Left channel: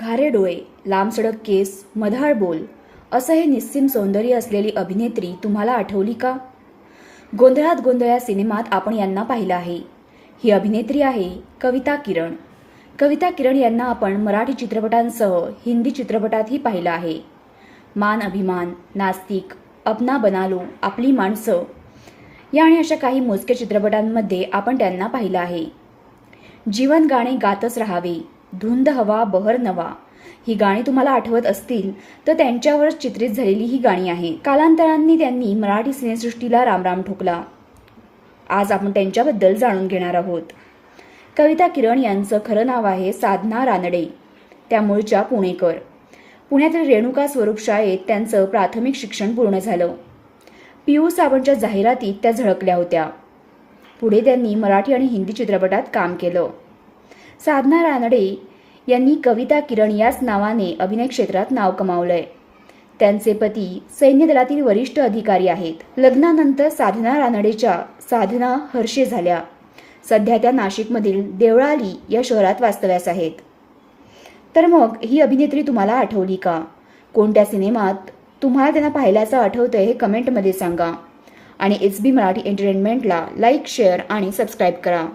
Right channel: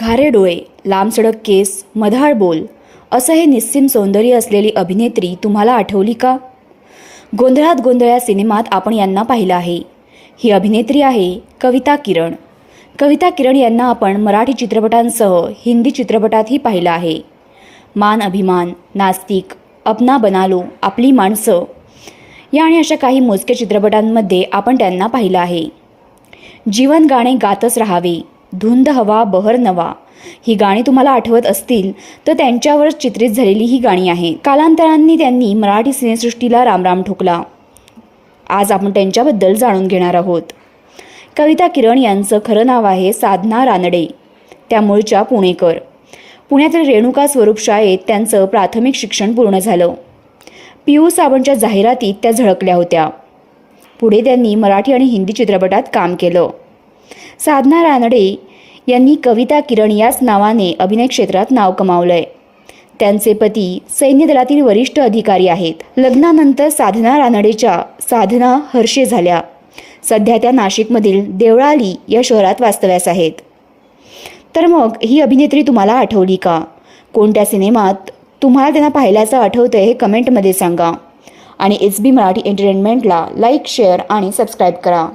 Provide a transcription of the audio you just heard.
घारे डोळे लांबसडक केस मधाळ बोल असं हे निस्सीम सौंदर्य असलेली अभिनेत्री तुम्हाला आठवली का? गोंधळात गोंधळ्या सिनेमात आपण यांना पाहिलं आहे. ही अभिनेत्री आहे कविता किरण. कविता किरण यांना आपण मराठी चित्रपटांसह हिंदी चित्रपटातही पाहिलं आहे. मान अभिमान नास्तिक अपना बनालो आपली माणसं. या आणि अशा काही मोजक्या चित्रपटांमध्ये आपण त्यांना पाहिलं आहे. जीवन गाणे गातच राहावे. धुंद हवा बहर नवा. ही गाणी तुम्हाला आठवत असतील तर त्यांच्यावर चित्रित झालेली ही गाणी आहे. कालांतरांनी त्यांनी मराठी सिनेसृष्टीला रामराम ठोकला. आज आपण त्यांच्याबद्दल जाणून घेणार आहोत. कविता किरण यांचं खरं नाव आहे साधना रानडे. त्या मूळच्या पुणेकर. पुण्यातील रेणुका स्वरूप शाळेत त्यांचं प्राथमिक शिक्षण पूर्ण झालं. पी यू साबणच्या जाहिरातीत त्या झळकल्या होत्या. पुढे त्यांनी मराठी आणि हिंदी चित्रपटात काम केलं. साधना रानडे यांनी कविता किरण याच नावाने अभिनय क्षेत्रात नाव कमावलं आहे त्यांचे पती सैन्य दलातील वरिष्ठ अधिकारी आहेत. लग्नानंतर साधना रानडेच्या साधना हर्षे झाल्या. सध्या त्या नाशिकमधील देवळाली या शहरात वास्तव्यास आहेत. तर मग ही अभिनेत्री तुम्हाला आठवली का? कोणत्या सिनेमात तुम्हाला त्यांना पाहिल्याचं आठवतं हे कमेंटमध्ये सांगा. आणि एच बी मराठी एंटरटेनमेंटला लाईक शेअर आणि सबस्क्राईब करा.